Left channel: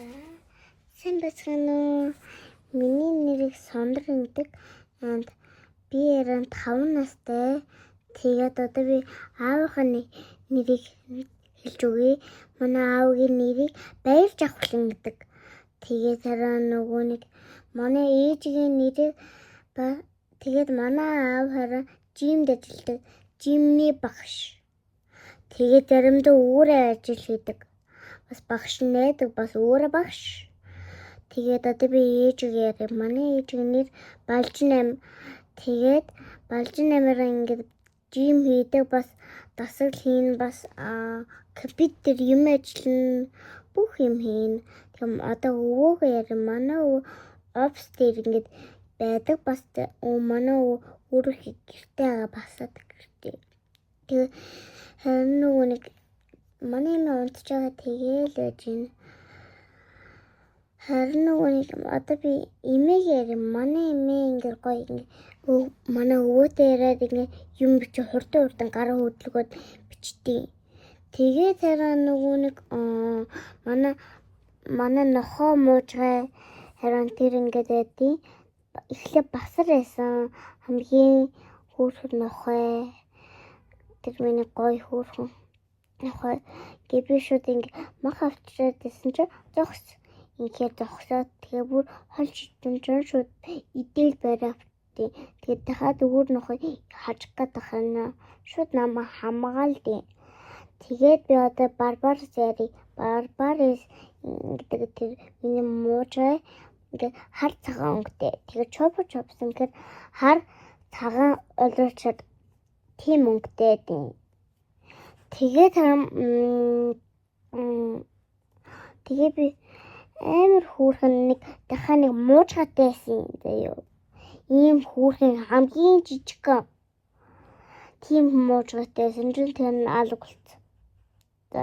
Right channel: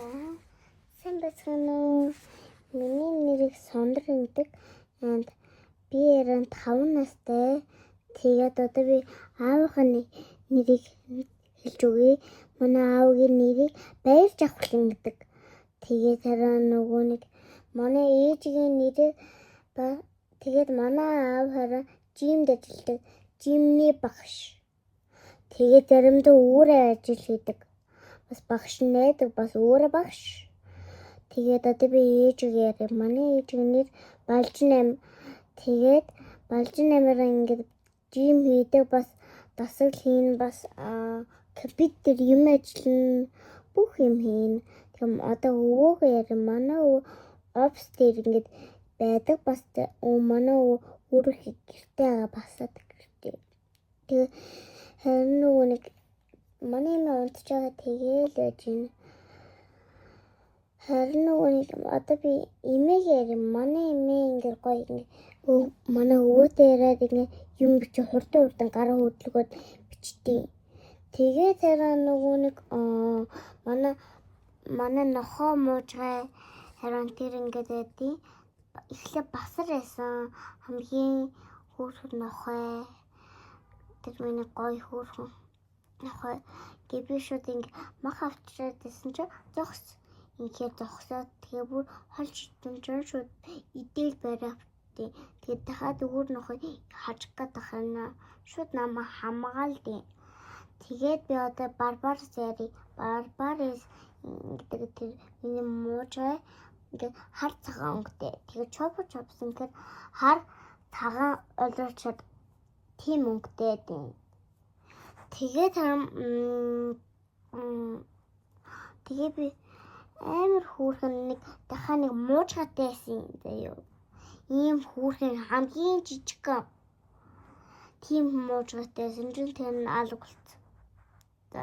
Сайн байна уу? Миний нэрийг Сондөр гэдэг. Би 5 настай. Тэгээд одоо би аавынхаа нэрийг хэлж өгье. Манай аавгийн нэрийг Баяр Жавхлан гэдэг. Тэгээд нөгөө нэг манай ээжийн нэрийг тэгээд манай аав хараа жимд ажилладаг. Жимний багш. Тэгээд заримдаа өөрөө ажил хийдэг. Бас багш найдаг, бас өөрөө багш. Тэгээд одоо би ээжигээр манай ээжийн нэр Балжин ам. Тэгээд Балжин амаараа ингээд жим хийдэг, бас дасгал хийн, бас компьютер юм ажиллана, бүх юм хийн. Тэгм одоо өвөөгөө манай офс дээр ингээд байдаг, бас манай өөрөө гэртээ басаад гэртээ. Тэгээд нөгөө нэг манай унтж байгаа тэгээл байж байна. Харин нөгөө нэг одоо би имээгээр манай имээ ингээд гоё ингээд манай өвөтэй яриад ингээд юм бичиж хурдан гараа хөдлөгөөд бичтий. Тэгээд хараа нөгөө нэг манай нохоо муужгаа харин тэр ингээд байдیں۔ Эхлээ басар байсан хамгийн хөөрхөн нохоо. Тэр миний гоё хөөрхөн нохоо. Гэвь шууд ингээд мах авчираад байсан чи зогс. Ингээд зогсоод тэгээ бүр хол шидэн шууд идээл бариа авчдээ. Тэгээд дахиад өөр нохоо хажих гэдэг хана шууд намайг хамгаалдیں۔ Тэгээд би одоо Барбарис гэдэг тэр миний муужаа ингээд хар цагаан өнгөтэй. Тэгээд чопсон гэхээр хар цагаан олоочод тийм өнгөтэй дээ. Тэгээд би амар хөөрхөн нэг дахиад нэг муужгатай байсан заяа. Ийм хөөрхөн хамгийн жижиг тийм муужгатай байсан. Тэр нь алга болсон. За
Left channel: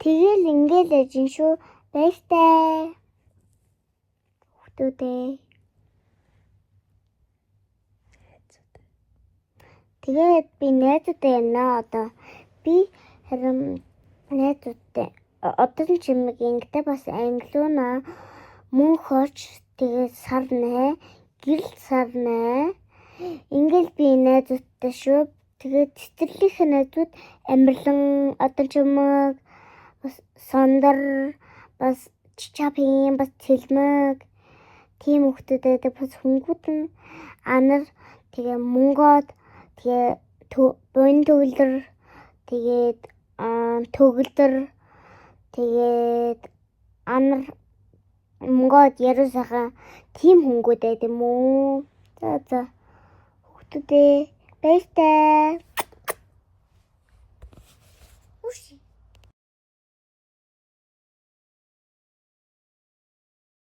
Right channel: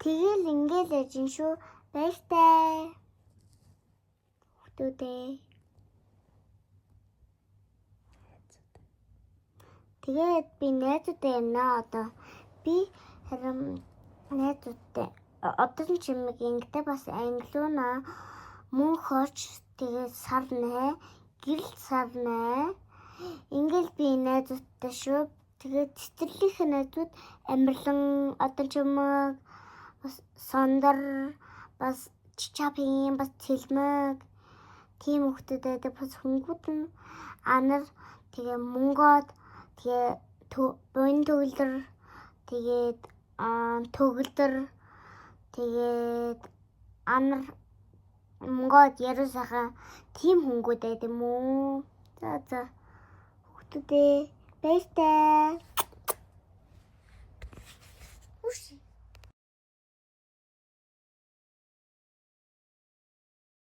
тэгэл ингээл ажин шүү. Баяртай. Хүүхдүүдээ. Тэгээд би найзуудтай байна одоо. Би харин найзуудтай одоо ч юм ингээд бас англиуна мөн хоч тэгээд сарнаа гэрэл сарнаа ингээл би найзуудтай шүү. Тэгээд цэцэрлэх найзууд амирлан одоо ч юм бас сондар бас чичапин бас цэлмэг тийм хүмүүстэй бас хөнгүүд нь анар тэгээ мөнгөд тэгээ бон төвлөр тэгээд төгөлдөр тэгээд анар мөнгөд ярусаха тийм хөнгүүд байд юм уу. За хүүхдүүдээ баяртай.